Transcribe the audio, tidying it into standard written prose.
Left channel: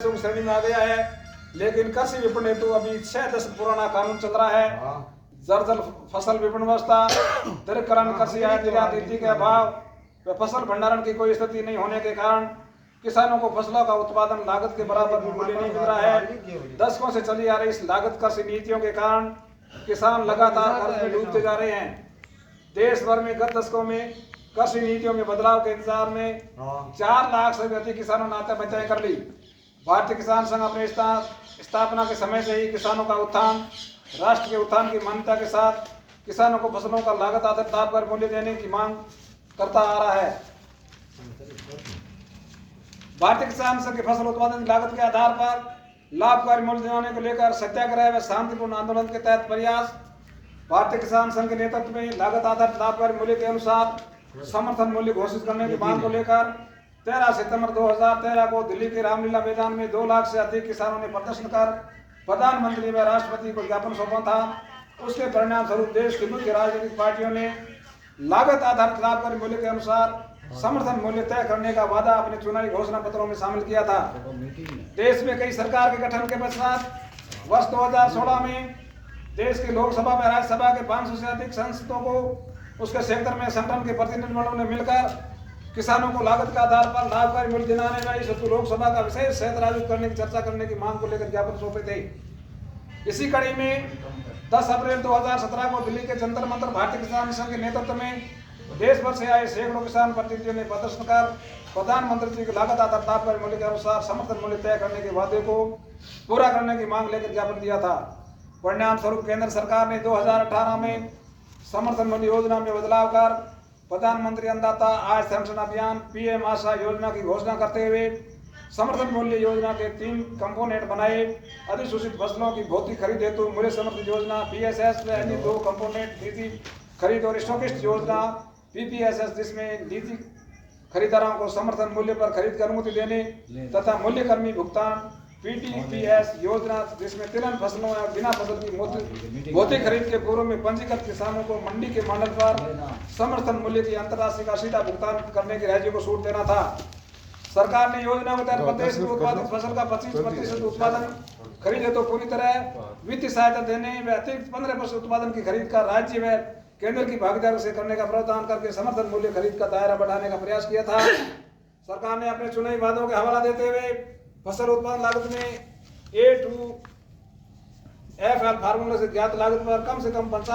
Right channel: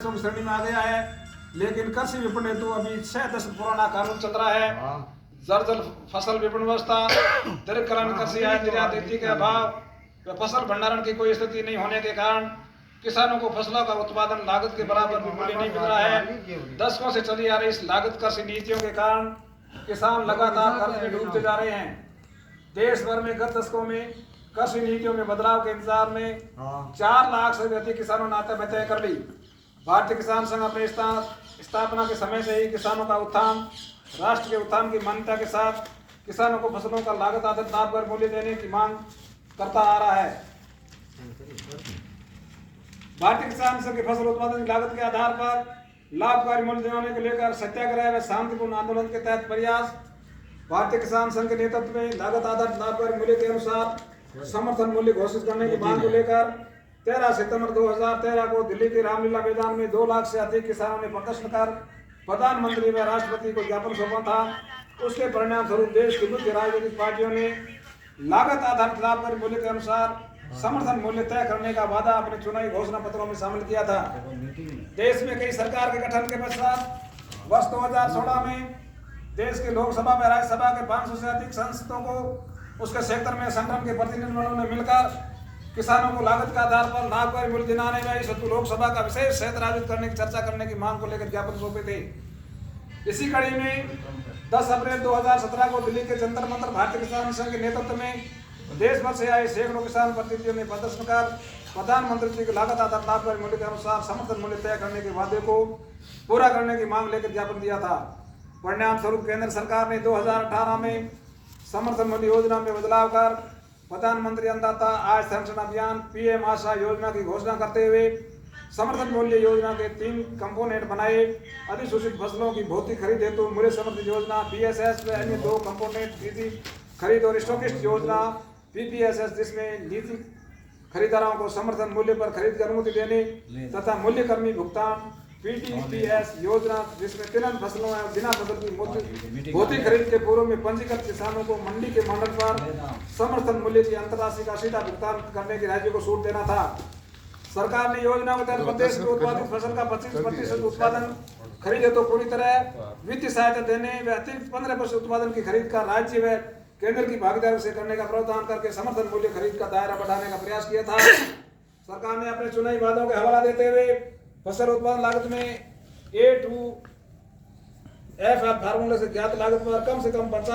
श्रेणी में आ गया है, लेकिन कृषि विपणन हेतु अभी 6 दशक पुराना कानून चल रहा है। जर्जर फसल विपणन व्यवस्था, दीर्घकालीन कृषि आय निर्यात नीति के अभाव व फसल भंडारण की कोई स्थिति नहीं होने के कारण किसानों को फसलों का उत्पादन लागत के बराबर भी मूल्य नहीं मिल रहा है। दशकों से चली आ रही इस लागत कृषि नीतियों के कारण किसान लगातार कर्ज में डूबते जा रहे हैं। देश भर में गत दशकों में कृषि नीतियों में बदलाव के इंतजार में 4 लाख से अधिक किसानों ने आत्महत्या कर ली। भारतीय किसान संघ अपने स्थापना के समय से ही किसानों का उत्थान, राष्ट्र के उत्थान की मान्यता के साथ किसानों को फसलों का लागत आधारित लाभ पर मूल्य देने की मांग करता आ रहा है। भारतीय किसान संघ के फसल उत्पादन की लागत के आधार पर लाभकारी मूल्य दिलाने को लेकर सत्याग्रह व शांतिपूर्ण आंदोलन के तहत प्रयास। भारतीय किसान संघ के नेतृत्व में लागत आधारित लाभकारी मूल्य के अनुसार समर्थन मूल्य घोषित करने की मांग को लेकर 13 सितंबर 2013 को दिल्ली के रामलीला मैदान में 2 लाख से अधिक किसानों ने प्रदर्शन कर प्रधानमंत्री व राष्ट्रपति को ज्ञापन सौंपा था। उसके परिणाम स्वरूप देश की मुख्य राजनीतिक पार्टियों ने लागत आधारित लाभकारी मूल्य के अनुसार समर्थन मूल्य तय करने का वादा अपने चुनावी घोषणा पत्रों में शामिल किया था। देश में कई सरकार के गठन के पश्चात वर्ष 2016 में देश की लोकसभा व राज्यसभा के 500 से अधिक सांसदों को उसके क्षेत्र में संगठन के प्रतिनिधिमंडलों ने मिलकर किसानों को लागत के आधार पर लाभकारी मूल्य दिलाने व इस हेतु लोकसभा का विशेष क्षेत्र आयोजित करने की चर्चा करने की मांग को लेकर ज्ञापन सौंपे थे। इसी कड़ी में 10 अप्रैल 2017 को दिल्ली के जंतर मंतर भारतीय किसान संघ के नेतृत्व में देश भर से आए सैकड़ों किसान प्रतिनिधियों ने प्रदर्शन कर प्रधानमंत्री जी की लागत आधारित लाभकारी मूल्य के अनुसार समर्थन मूल्य तय करने के वादे को पूरा करने की मांग लेकर ज्ञापन दिया था। परिणाम स्वरूप केंद्र सरकार ने 2018 में समर्थन मूल्य योजना में बदलाव कर प्रधानमंत्री अन्नदाता आय संरक्षण अभियान पीएम आशा योजना की घोषणा करते हुए समर्थन मूल्य योजना के 3 कंपोनेंट बनाए। अधिसूचित फसलों की भौतिक खरीद हेतु मूल्य समर्थन योजना पीएसएस व अन्य 2 कंपोनेंट नीति खरीद और स्टॉकिस्ट योजना पीपीएसएस, जिसमें नीति खरीदारों को समर्थन मूल्य पर खरीद की अनुमति देने तथा मूल्य कर्मी भुगतान पीटीपीएस योजना, जिसमें तिलहन फसलों या बिना फसल की भौतिक खरीद के पूर्व में पंजीकृत किसानों को मंडी के मॉडल पर समर्थन मूल्य की अंतरराशि का सीधा भुगतान करने की राज्य को छूट देना था। सरकार ने योजना के तहत प्रदेश में उत्पादित फसल का 25% उत्पादन खरीदे तो पूरी तरह वित्तीय सहायता देने व अतिरिक्त 15% उत्पादन की खरीद का राज्य व केंद्र की भागीदारी से करने का प्रावधान करके समर्थन मूल्य खरीद का दायरा बढ़ाने का प्रयास किया था। सरकार ने अपने चुनावी वादों के हवाला देते हुए फसल उत्पादन लागत में A2F फार्मूले से ज्ञात लागत पर कम से कम 50